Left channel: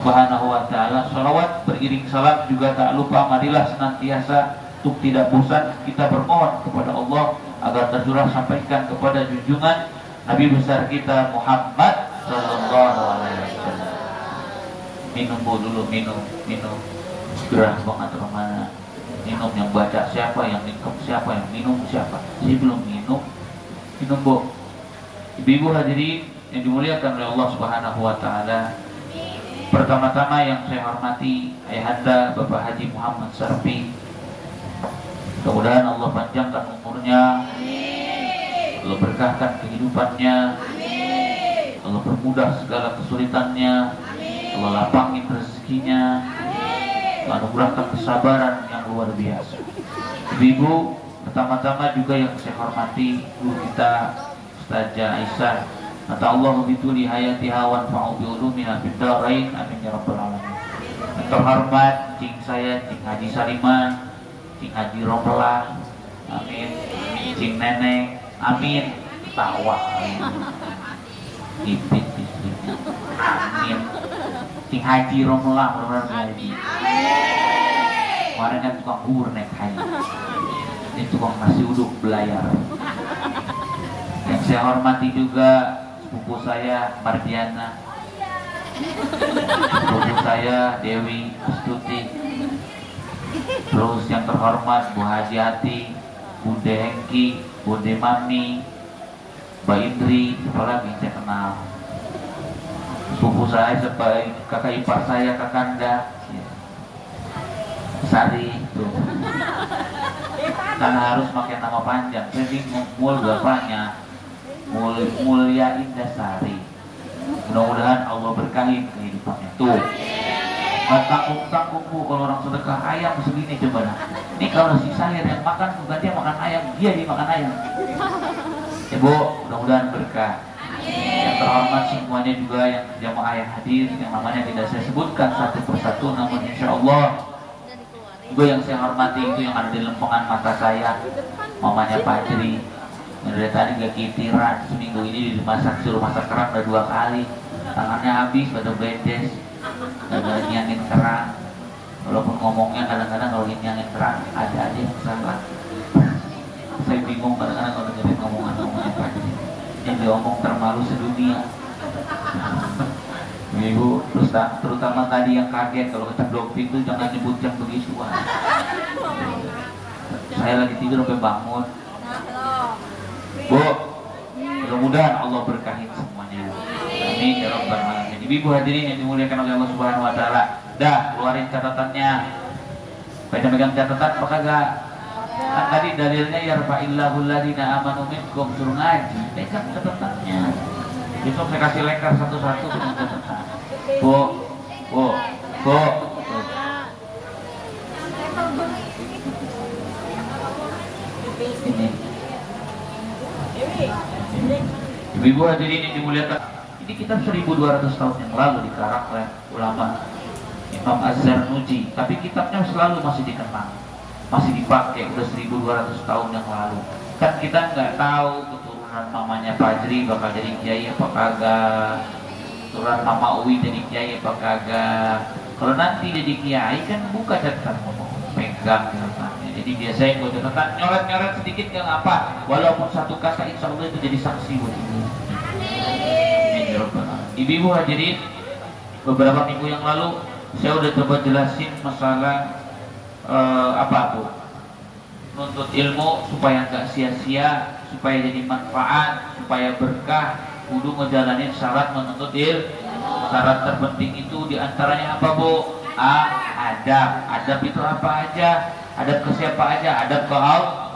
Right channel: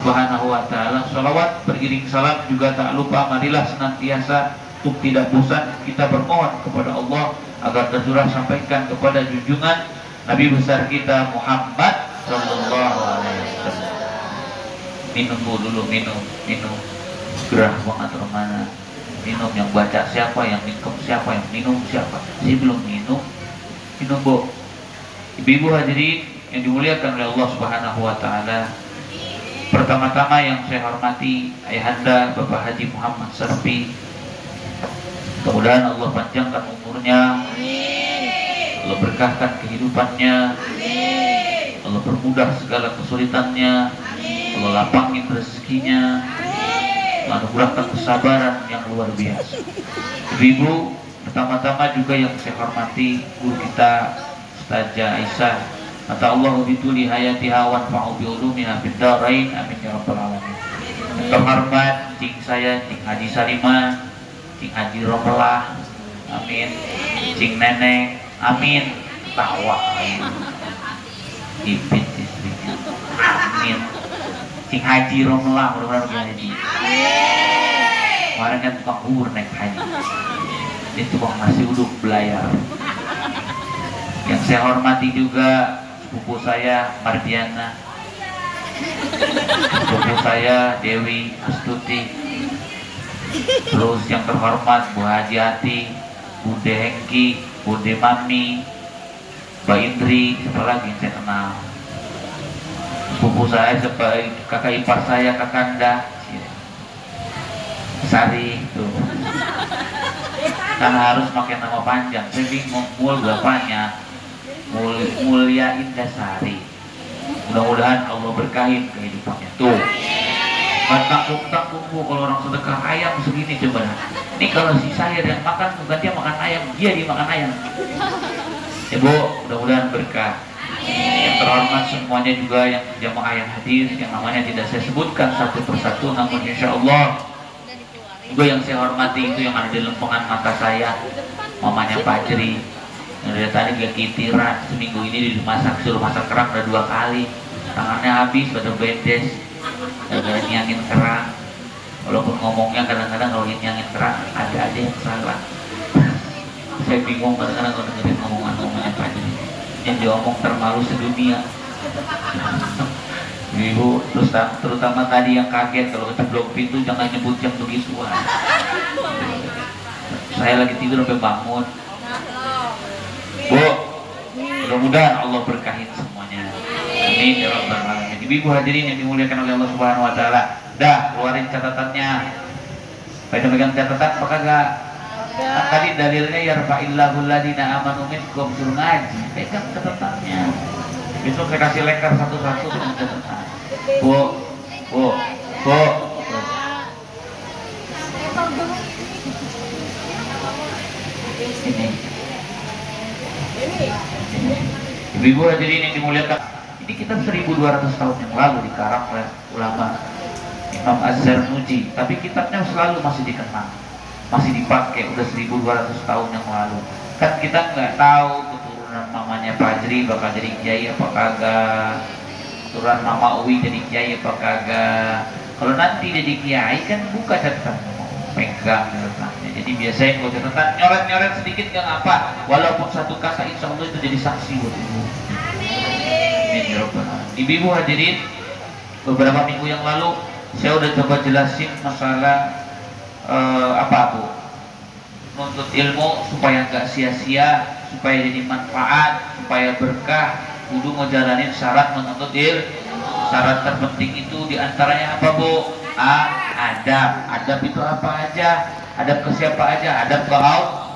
Subhanahu wa ta'ala. Salawat beriring salam juga tak lupa, marilah senantiasa untuk tidak bosan kita bermohon kepada Allah agar tercurah sampaikan kepada junjungan Nabi besar kita Muhammad sallallahu alaihi wasallam. Minum dulu, minum. Gerah banget romana. Minum, yang baca siapa, yang minum siapa, yang minum siapa. Saya belum minum Bu. Ibu-ibu hadirin yang dimuliakan oleh Allah Subhanahu wa ta'ala. Pertama-tama yang saya hormati Ayahanda Bapak Haji Muhammad Sarfi. Mudah-mudahan Allah panjangkan umurnya, Allah berkahkan kehidupannya, Allah permudah segala kesulitannya, Allah lapangin rezekinya, Allah anugerahkan kesabaran yang luar biasa. Ibu-ibu, pertama-tama juga yang saya hormati guru kita Ustazah Aisyah. Kata Allah, "Bituli hayatiha wa anfa'u bi ulumiha fid dharain." Amin ya rabbal alamin. Yang terhormat cing saya, cing Haji Salimah, cing Haji Romlah, amin. Cing Nenek, amin. Tawa, ipit istrinya, amin. Cing Haji Romlah, mudah-mudahan haji. Kemarin kan tukang bubur naik haji, ini tukang nasi uduk belayar. Yang saya hormati juga sepupu saya Mardiana, sepupu saya Dewi Astuti, terus yang terhormat Bu Haji Ati, Bude Hengki, Bude Mami, Mbak Indri, siapa lagi yang saya kenal, sepupu saya, kakak ipar saya Kakanda Sari tuh. Kan harus pakai nama panjang, saya bingung mul bapaknya. Mulia Indasari. Mudah-mudahan Allah berkahin kehidupannya. Tuh, tanggung Bu, kalau orang sedekah ayam segini coba. Ini kalau si saya yang makan, bukan dia makan ayam, dia dimakan ayam. Ya Bu, mudah-mudahan berkah. Yang terhormat semuanya juga yang jamaah yang hadir, yang namanya tidak saya sebutkan satu persatu, namun insya Allah juga yang saya hormati itu yang ada di lempengan mata saya, mamanya Fajri. Dari tadi dia kitiran, seminggu ini dimasak, suruh masak kerang udah 2 kali, tangannya habis pada bendes, gara-gara nyangin kerang. Walaupun ngomongnya kadang-kadang kalau nyangin kerang ada aja yang salah. Saya bingung kadang-kadang kalau dengerin ngomongan-ngomongannya Fajri, yang diomong termalu sedunia. Ibu, terutama tadi yang kaget kalau kejeblok pintu jangan nyebut yang begituan. Saya lagi tidur sampai bangun. Bu, mudah-mudahan Allah berkahin semuanya. Amin ya rabbal alamin. Ibu hadirin yang dimuliakan oleh Allah Subhanahu wa taala. Dah, keluarin catatannya. Pada megang catatan apa kagak? Kan tadi dalilnya yarfa'illahul ladzina amanu minkum, suruh ngaji. Pegang catatannya. Besok saya kasih lengkap satu-satu dengan catatan. Bu. Ini. Ibu-ibu hadirin yang dimuliakan, ini kita 1200 tahun yang lalu dikarang oleh ulama Imam Az-Zarnuji, tapi kitabnya selalu masih dikenang, masih dipakai, udah 1200 tahun yang lalu. Kan kita nggak tahu keturunan mamanya Fajri bakal jadi kiai apa kagak, keturunan mama Uwi jadi kiai apa kagak. Kalau nanti jadi kiai kan buka catatan, pegang catatannya. Jadi biasanya buat catatan, nyoret-nyoret sedikit gak apa, walaupun satu kata insya Allah itu jadi saksi buat ibu. Ibu hadirin, beberapa minggu yang lalu saya udah coba jelasin masalah apa tuh, nuntut ilmu supaya nggak sia-sia, supaya jadi manfaat, supaya berkah, kudu ngejalanin syarat menuntut ilmu. Syarat terpenting itu diantaranya apa Bu? Adab. Adab itu apa aja? Adab ke siapa aja? Adab ke Allah.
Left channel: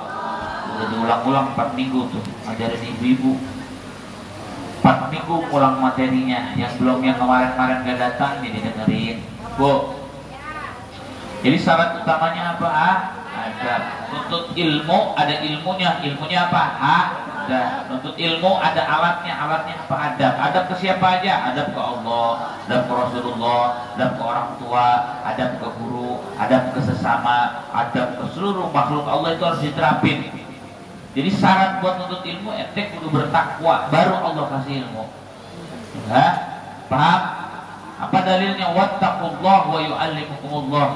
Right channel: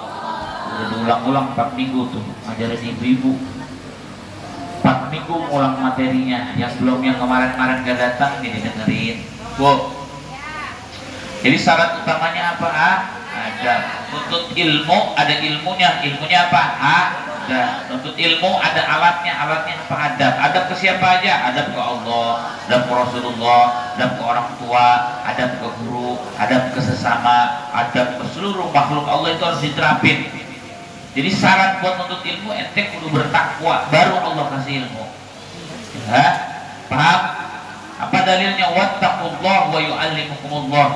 Udah diulang-ulang 4 minggu tuh ngajarin ibu-ibu. 4 minggu ulang materinya. Yang belum, yang kemarin-kemarin gak datang jadi dengerin Bu. Jadi syarat utamanya apa? Adab. Nuntut ilmu ada ilmunya. Ilmunya apa? Ada. Nuntut ilmu ada alatnya. Alatnya apa? Adab. Adab ke siapa aja? Adab ke Allah, adab ke Rasulullah, adab ke orang tua, adab ke guru, adab ke sesama, adab ke seluruh makhluk Allah, itu harus diterapin. Jadi syarat buat nuntut ilmu, ente kudu bertakwa, baru Allah kasih ilmu. Ya, paham? Apa dalilnya wattaqullah wa yu'allimukumullah.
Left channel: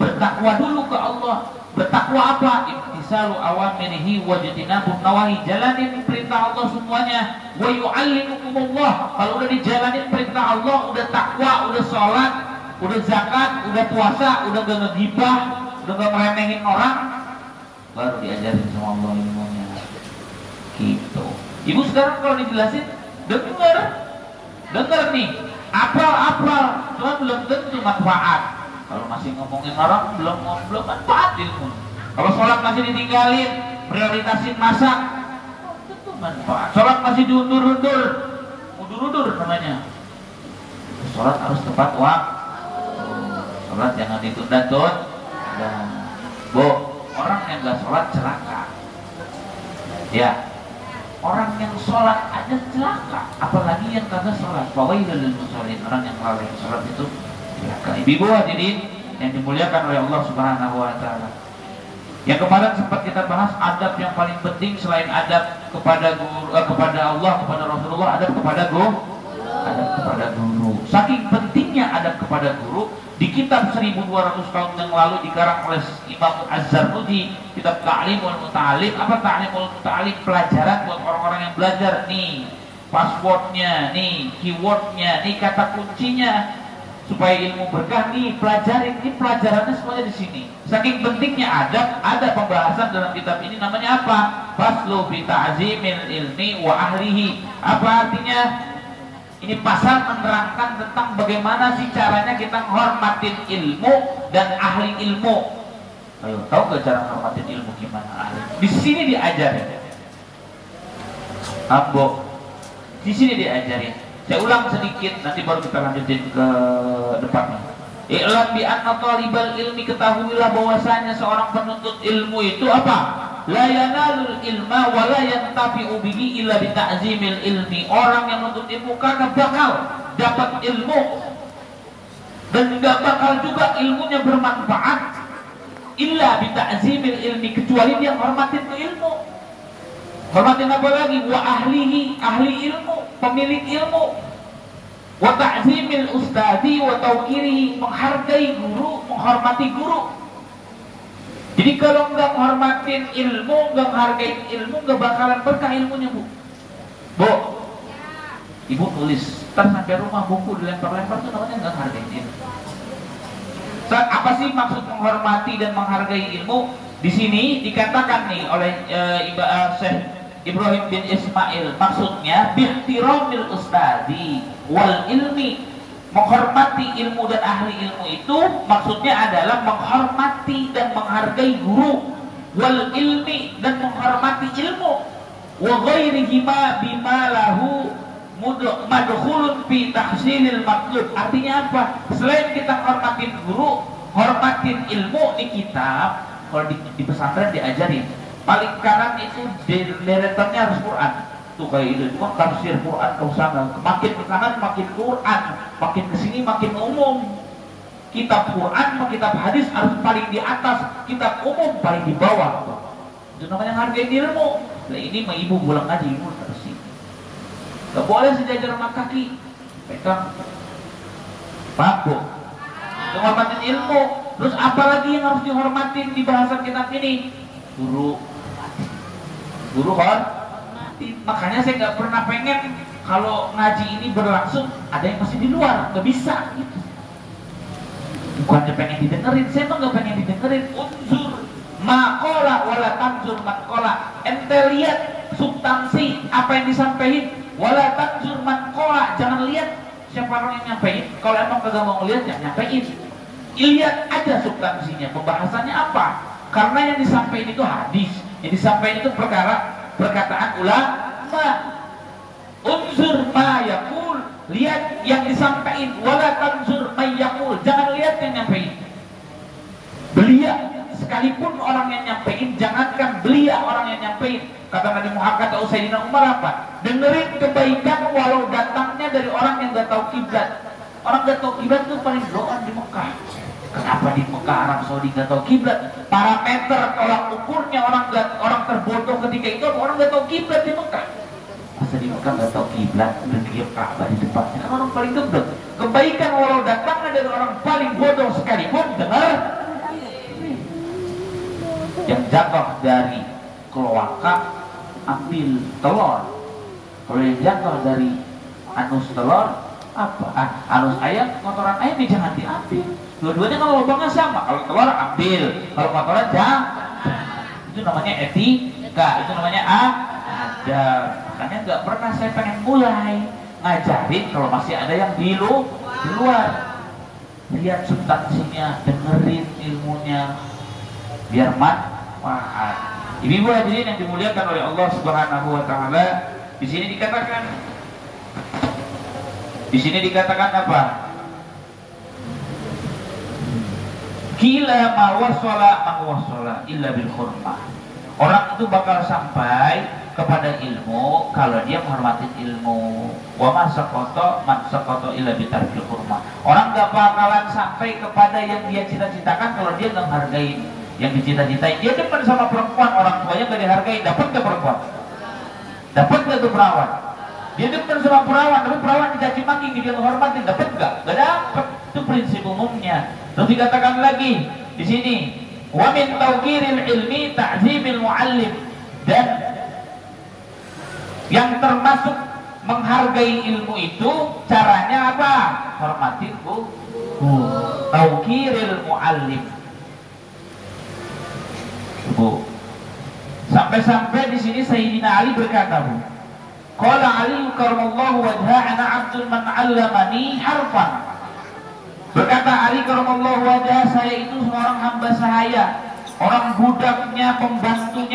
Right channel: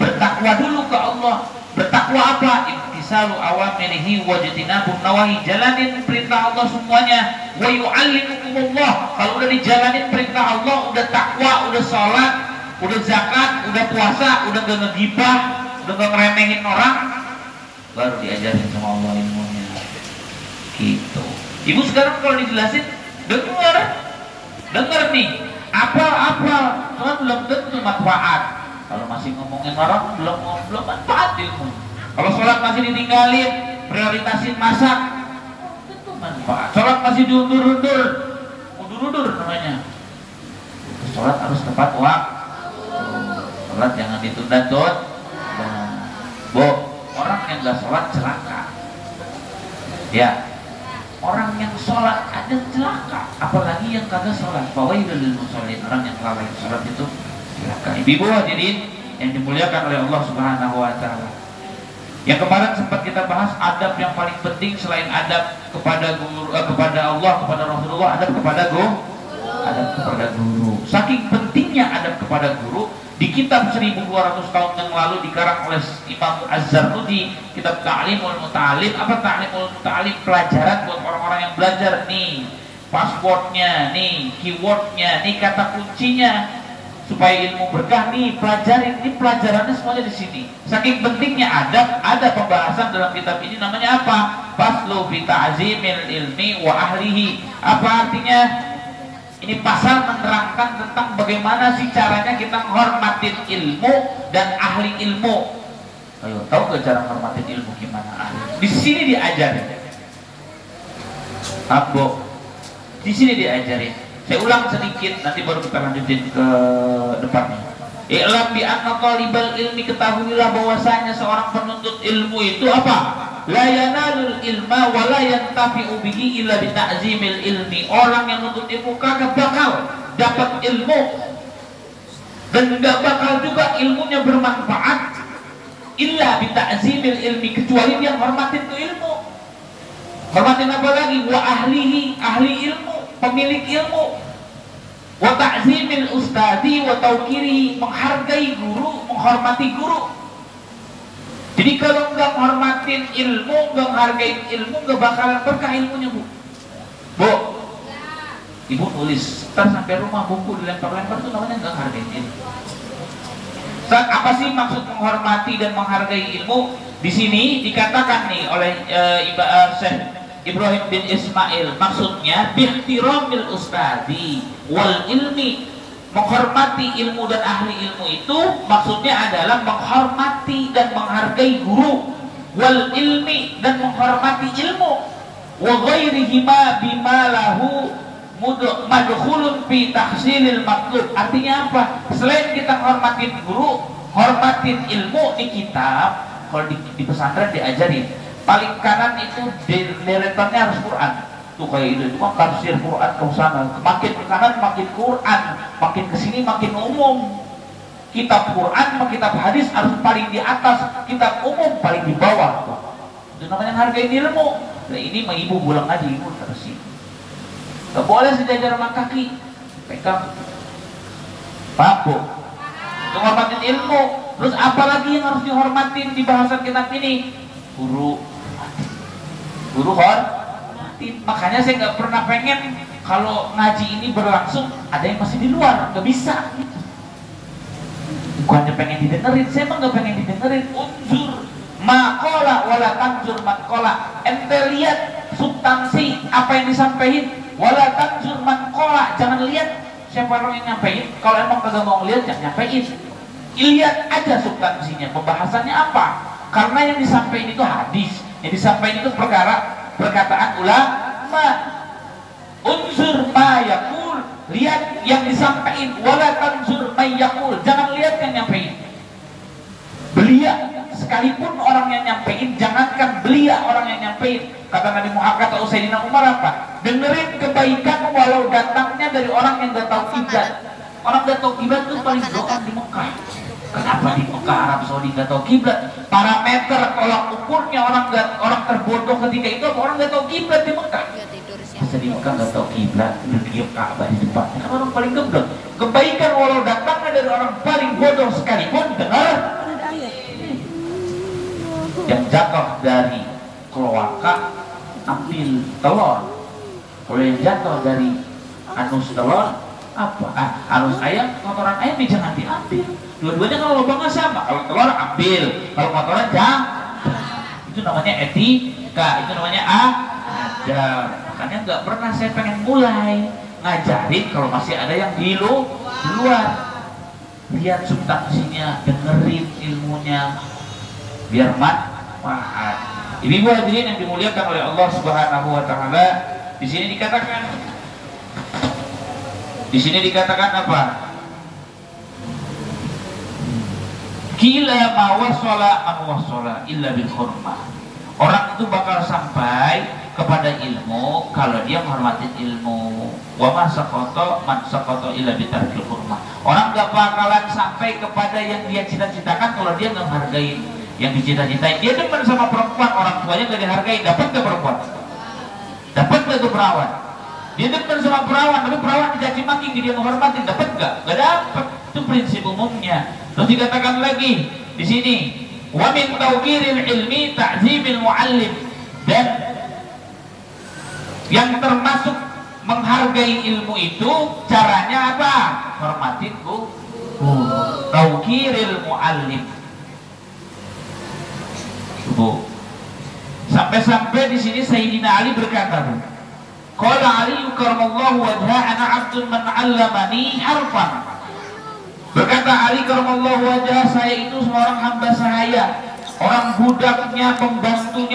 Bertakwa dulu ke Allah. Bertakwa apa? Imtisalu awamirihi wajtinabun nawahi. Jalanin perintah Allah semuanya. Wa yu'allimukumullah. Kalau udah dijalanin perintah Allah, udah takwa, udah sholat, udah zakat, udah puasa, udah gak ngegibah, udah gak ngeremehin orang, baru diajarin sama Allah ilmunya. Gitu. Ibu sekarang kalau dijelasin, dengar nih, apal, cuma belum tentu manfaat. Kalau masih ngomongin orang, belum manfaat ilmu. Kalau sholat masih ditinggalin, prioritasin masak, itu manfaat. Sholat masih diundur-undur namanya. Sholat harus tepat waktu. Sholat jangan ditunda-tunda. Orang yang gak sholat celaka. Ya, orang yang sholat ada celaka, apalagi yang kagak sholat. Fawailul lil musallin, orang yang lalai sholat itu celaka. Ibu hadirin yang dimuliakan oleh Allah Subhanahu wa taala. Yang kemarin sempat kita bahas adab yang paling penting selain adab kepada guru, kepada Allah, kepada Rasulullah, adab kepada guru. Saking pentingnya adab kepada guru, di kitab 1200 tahun yang lalu dikarang oleh Imam Az-Zarnuji, kitab Ta'limul Muta'alim. Apa Ta'limul Muta'alim? Pelajaran buat orang-orang yang belajar. Nih passwordnya, nih keywordnya, nih kata kuncinya, supaya ilmu berkah. Nih pelajarin, nih pelajarannya semuanya di sini. Saking pentingnya adab, ada pembahasan dalam kitab ini namanya apa? Faslu bi ta'zimil ilmi wa ahlihi. Apa artinya? Ini pasal menerangkan tentang bagaimana sih caranya kita menghormatin ilmu dan ahli ilmu. Ayo, tahu gak cara menghormatin ilmu gimana? Di sini diajarin. Ambo, di sini diajarin. Saya ulang sedikit, nanti baru kita lanjutin ke depannya. I'lam bi anna talibal ilmi, ketahuilah bahwasanya seorang penuntut ilmu itu apa? La yanalul ilma wa la yantafi'u bihi illa bi ta'zimil ilmi. Orang yang nuntut ilmu kagak bakal dapat ilmu dan enggak bakal juga ilmunya bermanfaat illa bi ta'zimil ilmi, kecuali dia hormatin tuh ilmu. Hormatin apa lagi? Wa ahlihi, ahli ilmu, pemilik ilmu. Wa ta'zimil ustadi wa tauqirihi, menghargai guru, menghormati guru. Jadi kalau nggak menghormatin ilmu, nggak menghargai ilmu, nggak bakalan berkah ilmunya, Bu. Bu, Ibu tulis, ntar sampai rumah buku dilempar-lempar itu namanya nggak menghargai ilmu. Apa sih maksud menghormati dan menghargai ilmu? Di sini dikatakan nih oleh Syekh Ibrahim bin Ismail, maksudnya bihtiramil ustadi wal ilmi. Menghormati ilmu dan ahli ilmu itu maksudnya adalah menghormati dan menghargai guru, wal ilmi, dan menghormati ilmu, wa ghairihima bima lahu madkhulun fi tahsilil matlub. Artinya apa? Selain kita hormatin guru, hormatin ilmu, di kitab, kalau di pesantren diajarin paling kanan itu deretannya harus Quran. Tuh kayak itu, cuma tafsir Quran ke sana, makin ke kanan makin Quran, makin ke sini makin umum. Kitab Quran sama kitab hadis harus paling di atas, kitab umum paling di bawah. Itu namanya hargai ilmu. Nah ini mah ibu pulang ngaji, ibu tersi. Gak boleh sejajar sama kaki, pegang. Pak Bu, menghormatin ilmu. Terus apalagi yang harus dihormatin di bahasan kitab ini? Guru Makanya saya nggak pernah pengen kalau ngaji ini berlangsung ada yang masih di luar, nggak bisa gitu. Bukannya pengen didengerin, saya emang nggak pengen didengerin. Unzur makola wala tanzur mankola. Ente lihat substansi apa yang disampaikan, wala tanzur mankola. Jangan lihat siapa orang yang nyampein. Kalau emang kagak mau ngeliat, jangan nyampein. Lihat aja substansinya, pembahasannya apa. Karena yang disampaikan itu hadis, yang disampaikan itu perkataan ulama. Unsur ma yakul, lihat yang disampaikan, wala tanzur ma yakul, jangan lihat yang nyampein. Belia, sekalipun orang yang nyampein, jangankan belia orang yang nyampein. Kata Nabi Muhammad atau Sayyidina Umar apa? Dengerin kebaikan walau datangnya dari orang yang gak tahu kiblat. Orang gak tahu kiblat itu paling doa di Mekah. Kenapa di Mekah Arab Saudi gak tahu kiblat? Parameter tolak ukurnya orang terbodoh ketika itu orang gak tahu kiblat di Mekah. Masa di Mekah gak tahu kiblat, udah diem Ka'bah di depannya, kan orang paling goblok. Kebaikan walau datang dari orang paling bodoh sekalipun dengar. Yang jatuh dari kloaka ambil telur. Kalau yang jatuh dari anus telur apa? Anus ayam, kotoran ayam jangan diambil. Dua-duanya kalau lubangnya sama. Kalau telur ambil, kalau kotoran jangan. Itu namanya etika, itu namanya adab. Makanya nggak pernah saya pengen mulai ngajarin kalau masih ada yang di luar. Lihat substansinya, dengerin ilmunya, biar manfaat. Ibu-ibu hadirin yang dimuliakan oleh Allah Subhanahu wa taala, di sini dikatakan apa? Kila ma wasala illa bil hurmah. Orang itu bakal sampai kepada ilmu kalau dia menghormati ilmu. Wa ma saqata man saqata illa bi tarkil hurmah. Orang gak bakalan sampai kepada yang dia cita-citakan kalau dia nggak menghargai yang dicita-citai. Dia depan sama perempuan, orang tuanya gak dihargai. Dapat ke perempuan? Dapat gak tuh perawan? Dia depan sama perawan, tapi perawan dicaci maki, dia menghormati. Dapat gak? Gak dapat. Itu prinsip umumnya. Terus dikatakan lagi di sini, wa min tawqiril ilmi ta'zimil muallim. Dan yang termasuk menghargai ilmu itu caranya apa? Hormatin bu. Tawqiril muallim. Bu. Sampai-sampai di sini Sayyidina Ali berkata, Bu, qala Ali karamallahu wajha ana 'abdun man 'allamani harfan. Berkata Ali karamallahu wajha, saya itu seorang hamba sahaya, orang budaknya, pembantunya